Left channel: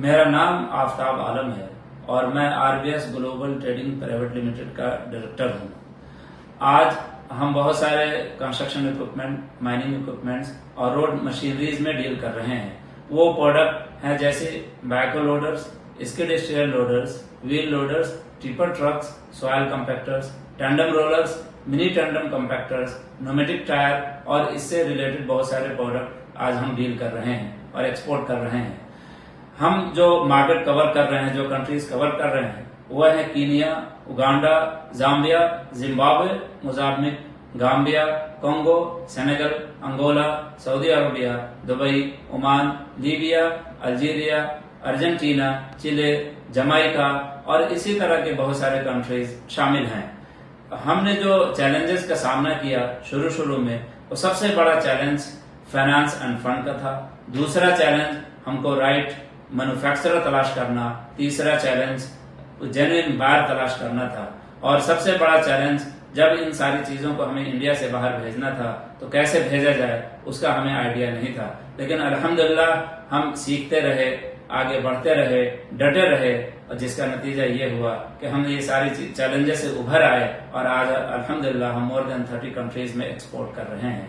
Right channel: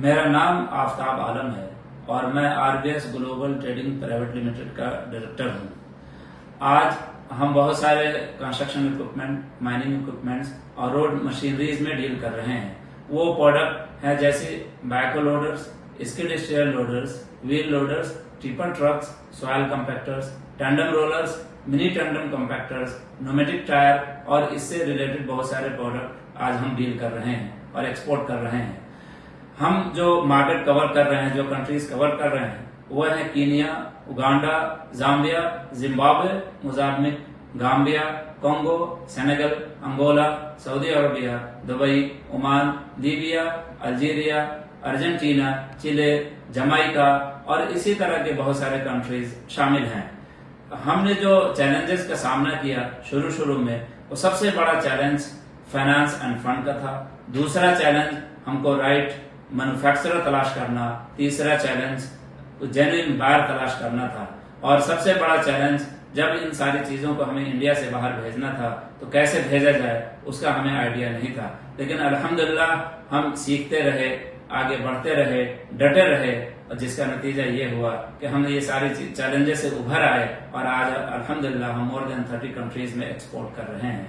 मेरा नाम आफ्ताब आलम है और मैं RBAS global trading private limited का डायरेक्टर हूं। आज हम बहुत सारे कंस्ट्रक्शन इक्विपमेंट, माइनिंग इक्विपमेंट्स और रोड मशीनरीज में डील कर रहे हैं। वो प्रोडक्ट है जैसे backhoe loaders, skid steer loaders, wheel loaders, tipper trucks, soil compactors, tandem rollers, mini tandem compactors, pneumatic tyre और इससे रिलेटेड बहुत सारे प्रोडक्ट आज हम डील कर रहे हैं और एक्सपोर्ट कर रहे हैं। हम जो मार्केट कवर कर रहे हैं, जो कंट्रीज कवर कर रहे हैं, वो है Kenya, Uganda, Zambia, Zimbabwe, Mozambique, Gambia, Congo, Senegal, Angola, Saudi Arabia, Dubai, Oman, Libya, Algeria, Argentina, Chile, Jamaica और इसी तरह के बहुत सारे कंट्रीज शामिल हैं। हमने जो चैलेंजेस का सामना किया शुरू में, वो सबसे बड़ा चैलेंज फाइनेंस एंड फंड का था। दूसरा चैलेंज हमको राइट मैन्युफैक्चरर तलाश करना, तीसरा चैलेंज जेन्युइन बायर तलाश करना था और सबसे बड़ा चैलेंज जब इन सारी चीजों को हमें इंडिया से बाहर भेजना था तो कैसे भेजा जाए उसका हमें आइडिया नहीं था। लेकिन अल्हम्दुलिल्लाह हम सीखते रहे, आगे बढ़ते रहे, डटे रहे और जिसका नतीजा ये हुआ कि हम ये सारी चैलेंजेस से उभर आए और आज अल्हम्दुलिल्लाह हम मोर देन 30 कंट्रीज में एक्सपोर्ट कर रहे हैं।